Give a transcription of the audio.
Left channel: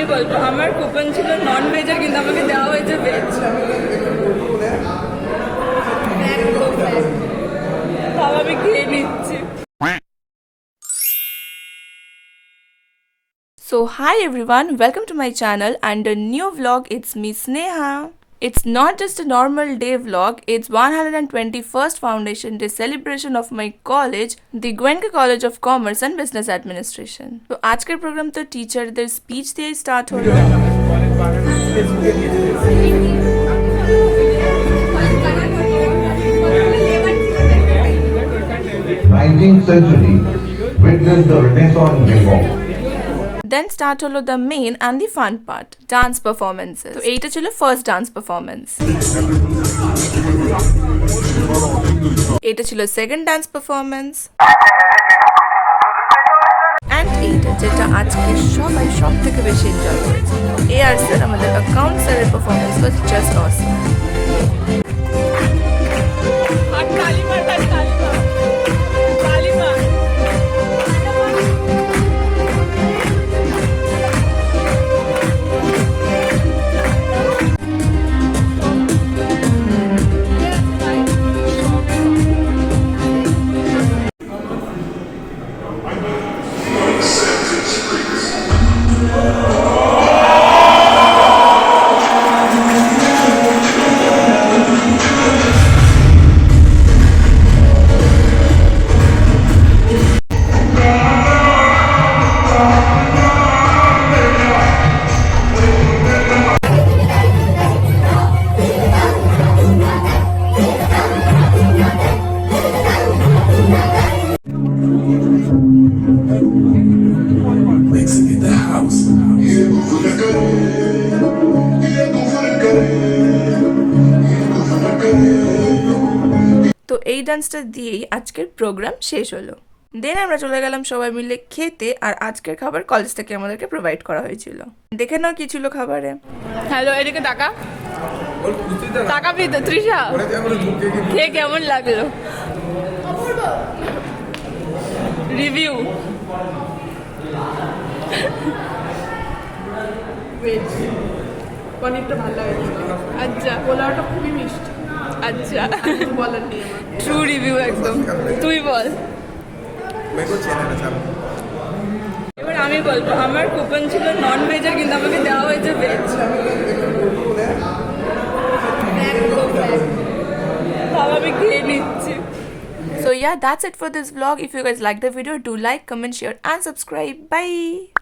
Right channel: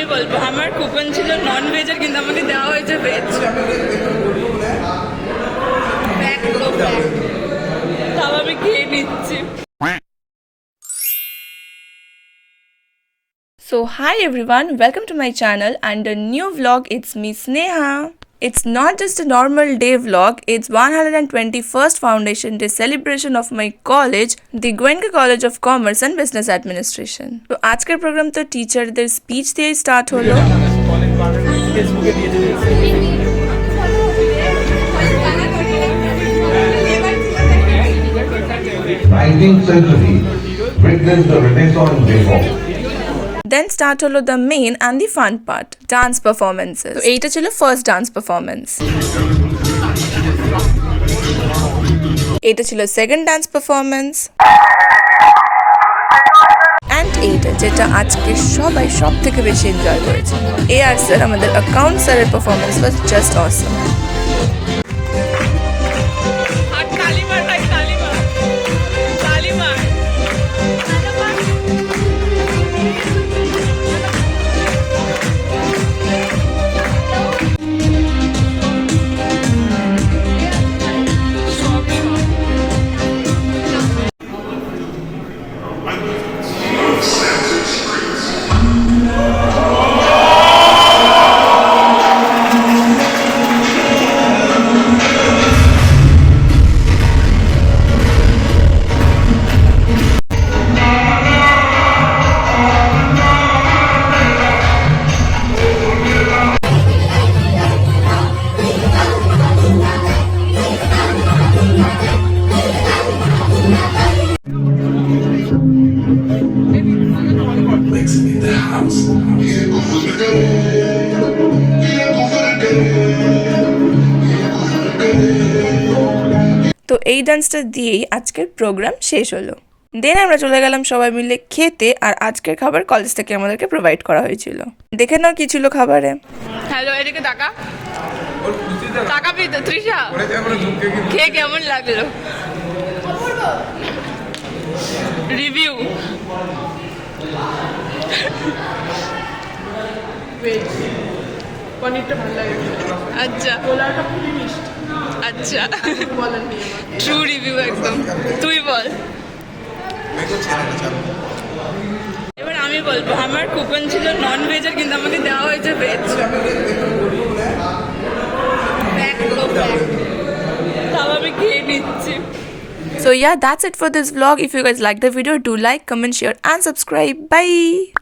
আমি বলবো আমার কুপন ছিল নন ভেজের, কিন্তু আমাকে দেওয়া হয়েছে ভেজ। তাও আমি খেয়ে নিচ্ছি। So hi everyone, welcome to my channel and a new vlog. It's me Sneha. It's not just a normal day vlog, it's 121st Foundation Day celebration of my college, the Goenka College of Commerce and Business Administration. তো আজকের প্রোগ্রাম তো টিচারদের স্পিচ দিয়ে স্টার্ট হলো। Nineteenth century witnessed the Renaissance reform. Then start হলো the main and the fun part, dance performances. তো এইটা ছিল ফার্স্ট ডান্স পারফরমেন্স। এটা ছিল সেকেন্ড ডান্স পারফরমেন্স। অ্যান্ড এইটা যেটা আজকে সবাই সব থেকে বেশি এনজয় করেছে, AR স্যার, আমাদের অ্যাকাউন্ট স্যারের পারফরমেন্স ওয়াজ জাস্ট অসম। তো এই ডান্সটা দিয়েই আজকের প্রোগ্রাম শেষ হলো। দেন আমরা চলে গেলাম সবাই মিলে খেতে, আর আজকের খাবার কলেজ থেকে আমাদেরকে প্রোভাইড করা হয়েছিল। দেখে নাও কি ছিল খাবারে। হ্যালো, এদিকে টাকা টাকা পেতে তৃষা, খেয়ে কেমন লাগলো? রিভিউ। পনিরটা ভালো লাগে। আচ্ছা, পোলাওটা খুবই মিষ্টি। আচ্ছা, বলেন নি আমাকে। ট্রু রিভিউ একদম। তুই বল। এবার আমি বলবো আমার কুপন ছিল নন ভেজের, কিন্তু আমাকে দেওয়া হয়েছে ভেজ। তাও আমি খেয়ে নিচ্ছি। So yeah, that's it for this vlog. If you guys like the video, do like, comment, share and subscribe. Bye.